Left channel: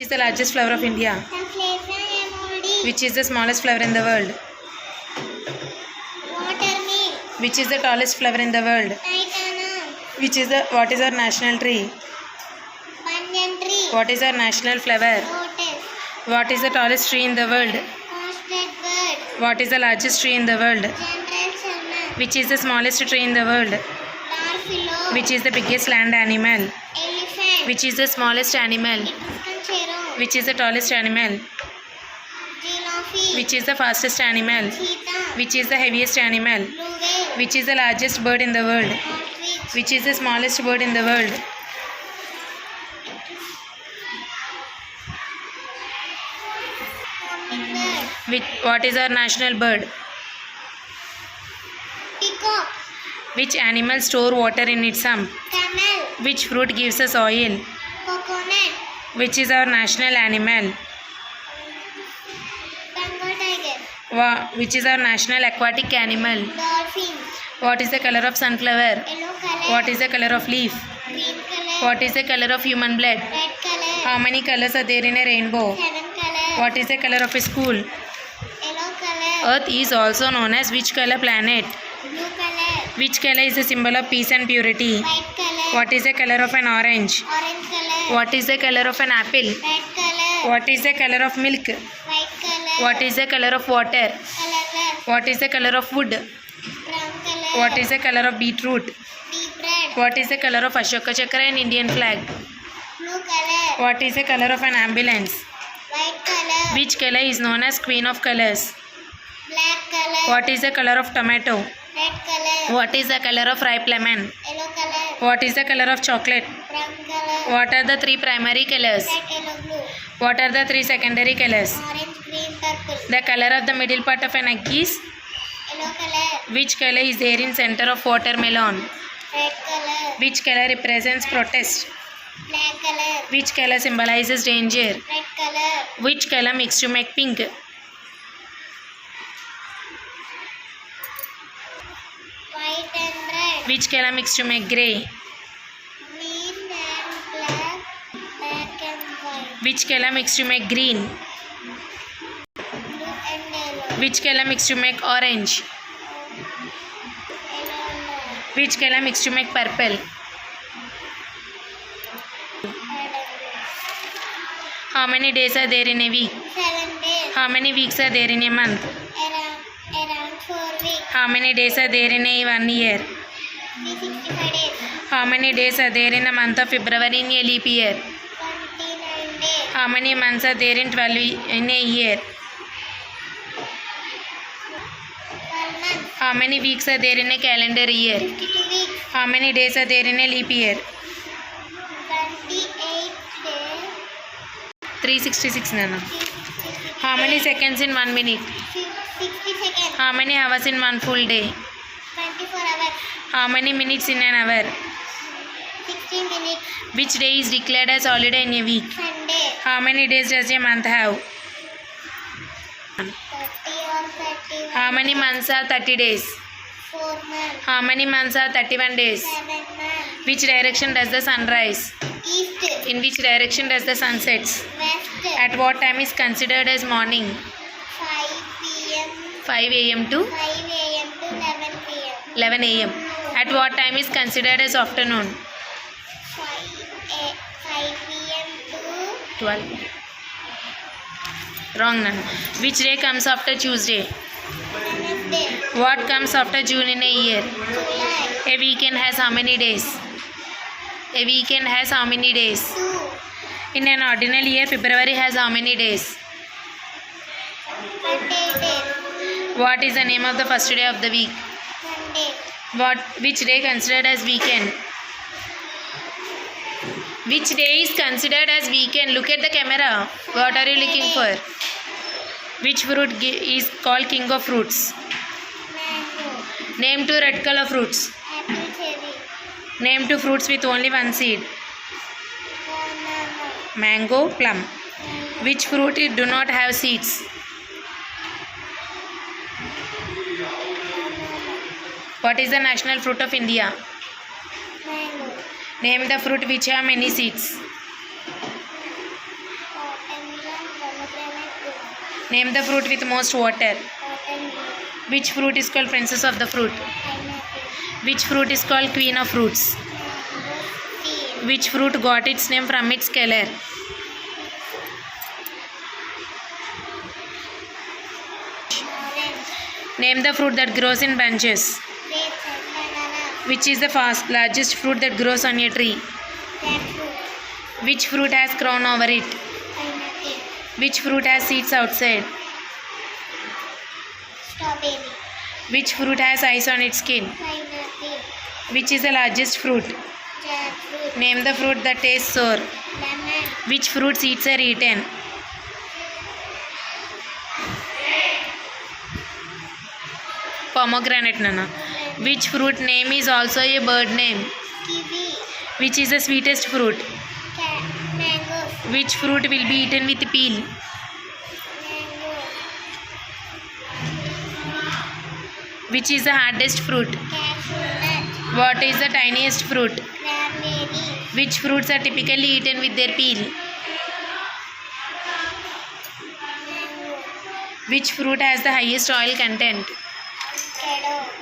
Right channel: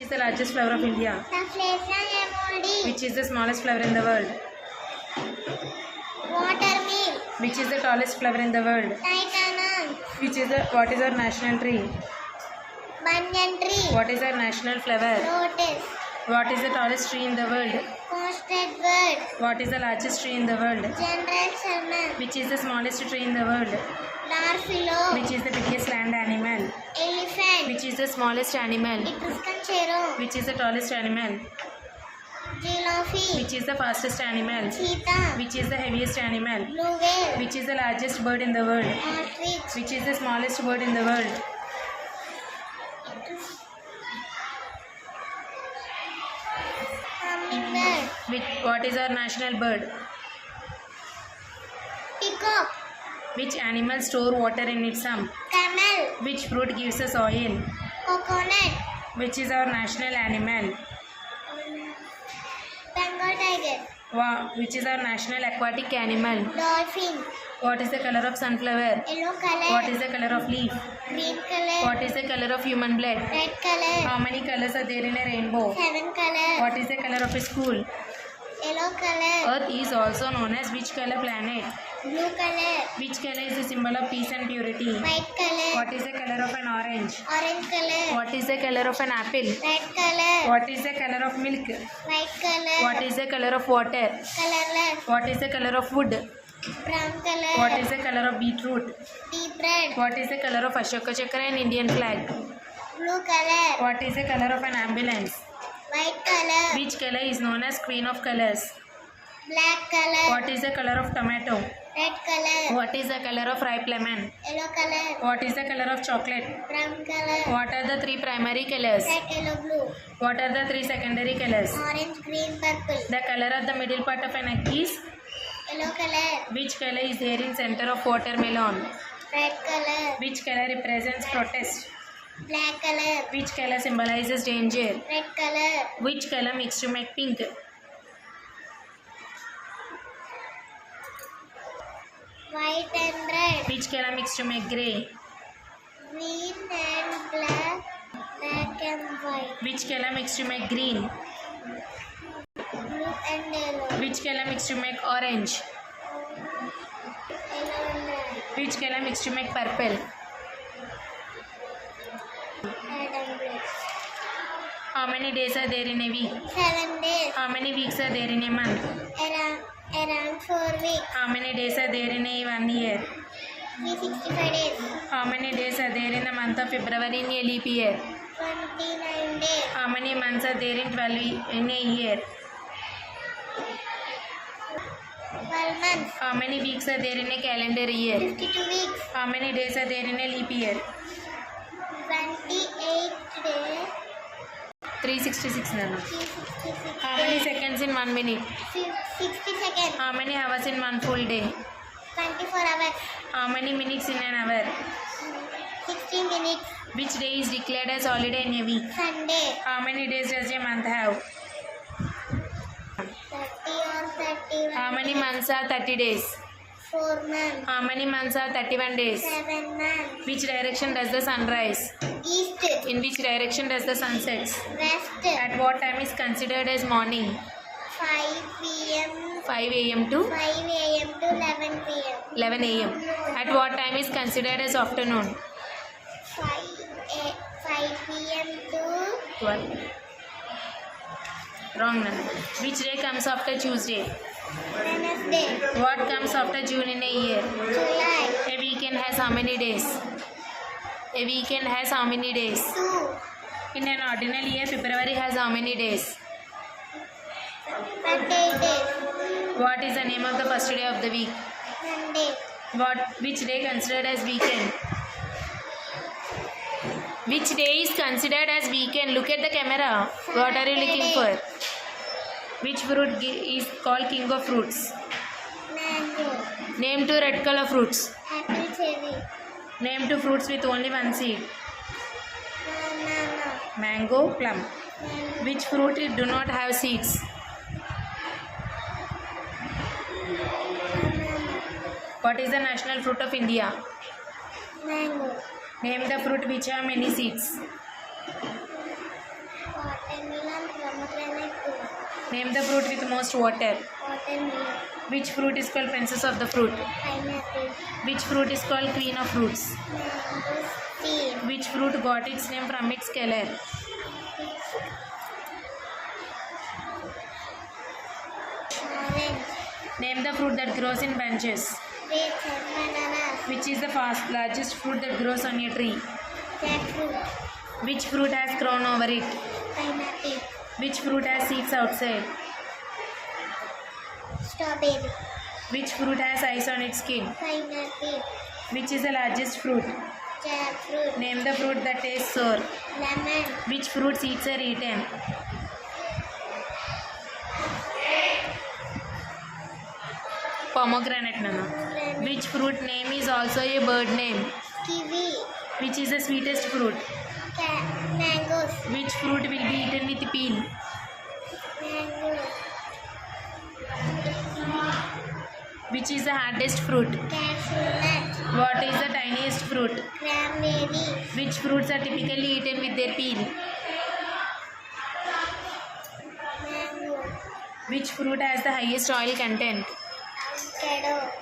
Which is the largest flower of India? The Flavonoid. Which is the smallest flower in the world? Watermill. Which is the tallest flower in the world? Titanium. What is our national tree? Banyan tree. What is our national flower? Lotus. What is the tallest tree in the world? Constant bird. What is the largest tree in the world? General salmon. Which is the smallest tree in the world? Narfilo. Which is the biggest land animal? Elephant. Which is the smallest animal? Ipuskanchero. Which is the tallest animal? Giraffe. Which is the fastest animal? Cheetah. Which is the heaviest animal? Blue whale. Which is the largest bird in the world? Ostrich. Which is the smallest bird in the world? Hummingbird. What is our national bird? Peacock. Which animal store water in its hump? Camel. Which fruit gives us oil? Coconut. Which is our national animal? Bengal tiger. Which is our national aquatic animal? Dolphin. What is the color of sunflower? Yellow color. What is the color of leaf? Green color. What is the color of human blood? Red color. How many colors are there in a rainbow? 7 color. What is the color of a school? Yellow color. Earth is also known as which color planet? Blue color. Which color is the symbol of peace and purity? White color. What is the color of an orange? Orange color. What is the color of an apple? Red color. What is the color of milk? White color. What is the color of water? Colorless. What is the color of wood? Brown color. What is the color of beetroot? Deep red. What is the color of Ashoka Chakra and Indian flag? Blue color. What is the color of an ambulance? White color. Which color is known as queen of colors? Black color. What is the color of tomato? Red color. What is the color of ripe lemon? Yellow color. What is the color of chocolate? Brown color. What are the three primary colors? Red, yellow, blue. What are the three secondary colors? Orange, green, purple. The color of the middle part of an egg is? Yellow color. Which color is there in center of watermelon? Red color. Which color represents protest? Black color. Which color symbolizes danger? Red color. Which color mixed to make pink? White and red. Which color mixed to make grey? Green and black. Black and white. Which color mixed to make green? Blue and yellow. Which color mixed to make orange? Yellow and red. Which color mixed to make purple? Red and blue. How many days are there in a week? 7 days. How many weeks are there in a month? Around 4 weeks. How many days are there in a 1 year? 365 days. How many days are there in the month of February in a leap year? 29 days. How many months are there in 12 in a year? 12 months. How many weeks are there in a calendar year? 52 weeks. How many days are there in a leap year? 28 days. 366 Nana. 366 How many seconds in 1 minute? 60 seconds. How many hours in 1 full day? 24 hours. How many minutes in an hour? 60 minutes. Which day is declared as holiday in a week? Sunday. How many days does a month have? 30 or 30. How many months are 30 days? 4 months. How many months are 31 days? 7 months. Which direction does the sun rise? East. In which direction does the sun sets? West. At what time is considered as morning? 5 p.m. 5 a.m. to 5 a.m. to 11 p.m. 11 a.m. At what time is considered as afternoon? 5 p.m. to 12. Wrong Nana. Which day comes after Tuesday? Wednesday. What comes after June in a year? July. A weekend has how many days? A weekend has how many days? 2. In an ordinary year, February has how many days? 28 days. What is the name of the first day of the week? Monday. Which day considered as weekend? Which day is considered as weekend? Look at the camera. What are you looking for? Which fruit is called king of fruits? Mango. Name 2 red color fruits. Apple cherry. Name 2 fruits with only one seed. Banana. Mango, plum. Which fruit do not have seeds? What is the national fruit of India? Mango. Name the fruit which have many seeds. Name the fruit with most water. Watermelon. Which fruit is called princess of the fruit? Pineapple. Which fruit is called queen of fruits? Mangosteen. Which fruit got its name from its color? Orange. Name the fruit that grows in bunches. Grapes and banana. Which is the largest fruit that grows on a tree? Jackfruit. Which fruit has crown over it? Pineapple. Which fruit has seeds outside? Strawberry. Which fruit has eyes on its skin? Pineapple. Which is the largest fruit? Jackfruit. Name the fruit that tastes sour. Lemon. Which fruit seeds are eaten? Pomegranate, Nana. Melon. Which fruit name is also a bird name? Kiwi. Which is the sweetest fruit? Mangoes. Which fruit will be eaten with peel? Mango. Which is the hardest fruit? Cashew nut. What is the tiniest fruit? Cranberry. Which fruits are typically eaten with their peel? Mango. Which fruit has the highest oil content? Avocado.